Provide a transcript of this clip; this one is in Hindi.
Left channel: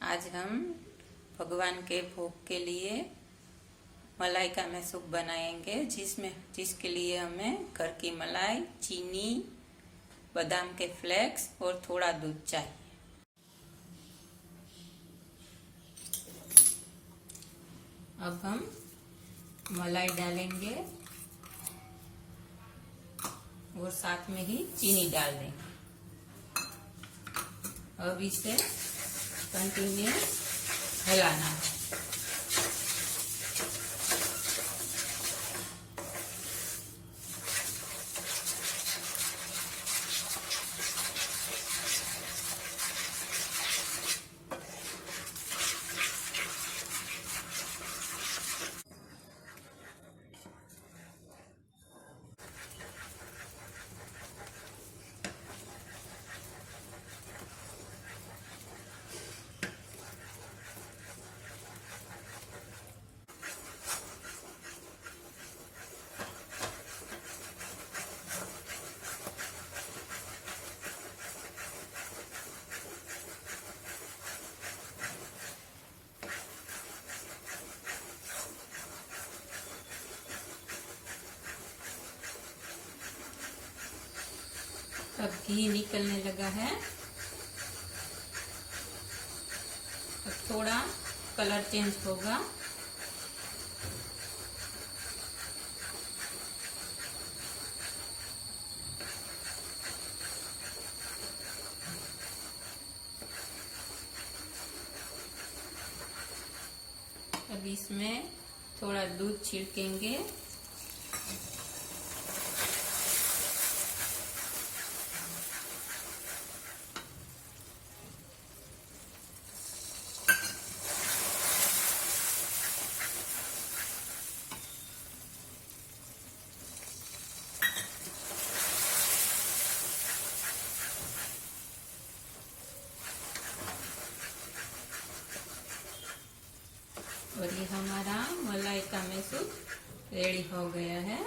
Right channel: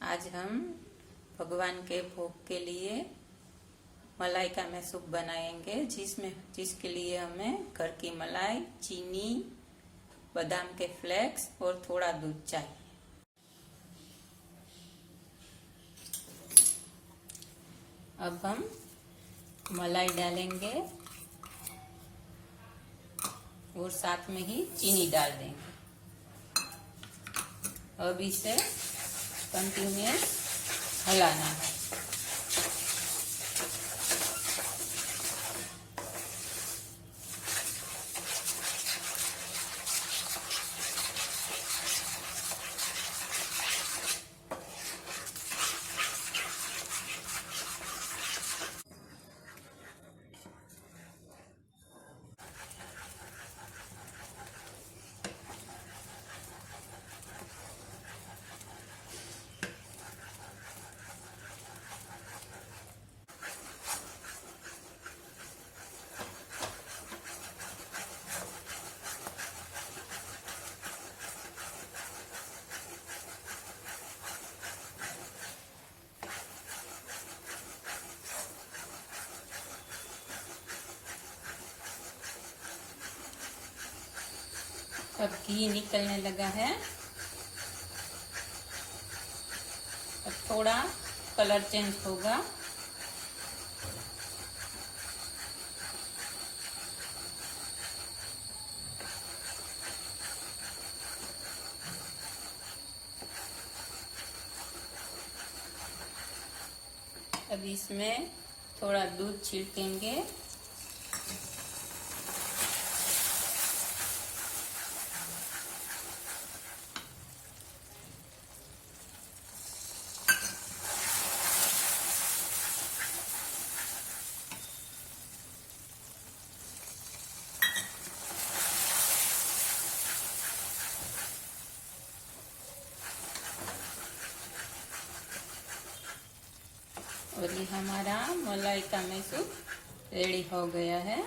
आज हम भगवान के भोग के लिए मलाई का मैसूप बनाएंगे, जिसके लिए हमें घर की मलाई, चीनी, बादाम के फ्लेक्स और थोड़ा दूध चाहिए। अब हम मलाई डालेंगे और साथ में ही चीनी डाल देंगे। अब इसे कंटिन्यूअस हिलाना है। अब घी निकलने लगा है। अब थोड़ा कलर चेंज होगा। अब इसमें थोड़ा दूध छिड़केंगे। और ये हमारा मलाई का मैसूप रेडी हो गया है।